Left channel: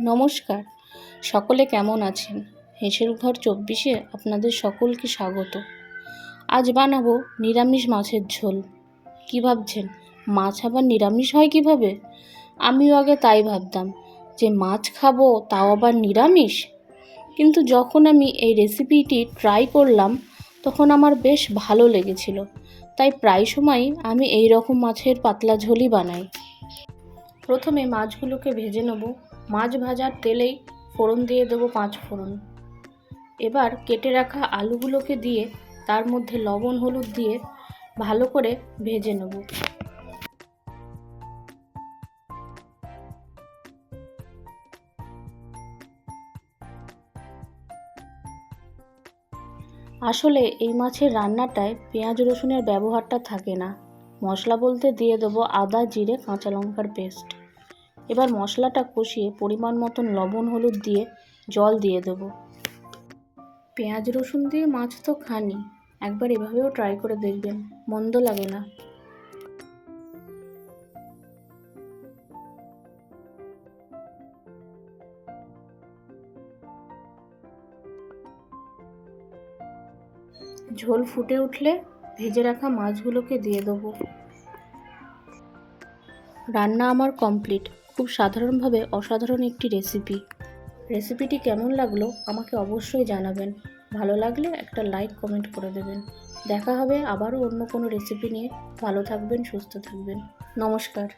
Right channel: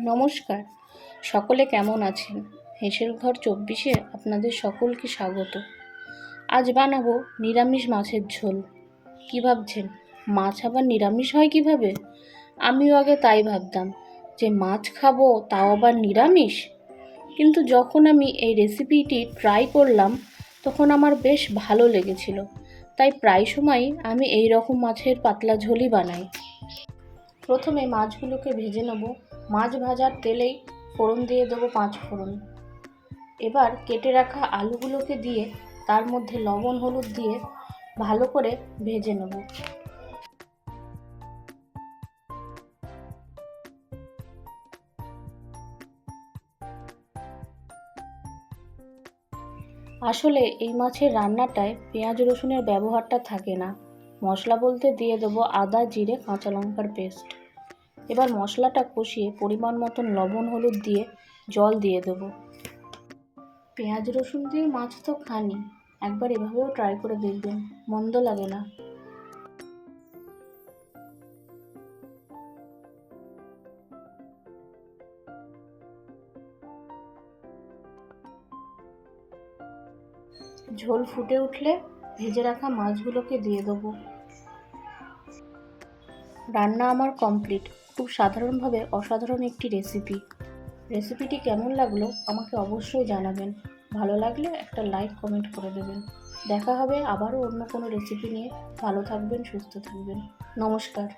নমস্কার। সকলে কেমন আছেন? হেসেল ঘর চব্বিশে আপনাদের সকলকে স্বাগত। আজ বানাবো নিরামিষ মাছের ঝোল। কী ভাবছেন, মাছ আবার নিরামিষ হয় কীভাবে? আমিও আগে তাই ভাবতাম যে মাছ খাব, তাও আবার নিরামিষ? কিন্তু যখন আমি এই রেসিপিটি ট্রাই করলাম, তখন আমার বেশ ভালো লেগেছিল। তাই প্রায় সময়ই আমি এই রকম মাছের পাতলা ঝোলই বানাই। প্রথমে মাছগুলোকে ভেজে নেব। মাছ ভাজার তেলেই ফোড়ন দিয়ে দেবো পাঁচ ফোড়ন। এবার কেটে রাখা আলুগুলোকে দিয়ে তার মধ্যে লবণ, হলুদ দিয়ে ভালো করে ভেজে নেব। আসলে এই মাছের রান্নাটায় পেঁয়াজ রসুনের ব্যবহারটা থাকে না। মশলা বলতে দিয়ে দেবো আদা, জিরে, কাঁচা লঙ্কার পেস্ট। এবার মশলাটা কষিয়ে পরিমাণ মতন লবণ, হলুদ দিয়ে জল দিয়ে দেবো। পেঁয়াজ, রসুন দিয়ে মাছ তো খানি। একবার এভাবেও ট্রাই করে দেখবেন, মন্দ লাগে না। ঝোল ফুটে উঠলে ভেজে রাখা মাছগুলোকে দিয়ে দেবো। রান্না আমার কমপ্লিট খুব সাধারণভাবে অসাধারণ একটি রেসিপি রেসিপিটি কেমন লাগল আমাকে অবশ্যই জানাবেন। ভালো লাগলে একটা লাইক কমেন্ট করে দেবেন। দেখা হবে আবারও অন্য কোনো রেসিপি নিয়ে। ভালো থাকবেন, সুস্থ থাকবেন। নমস্কার।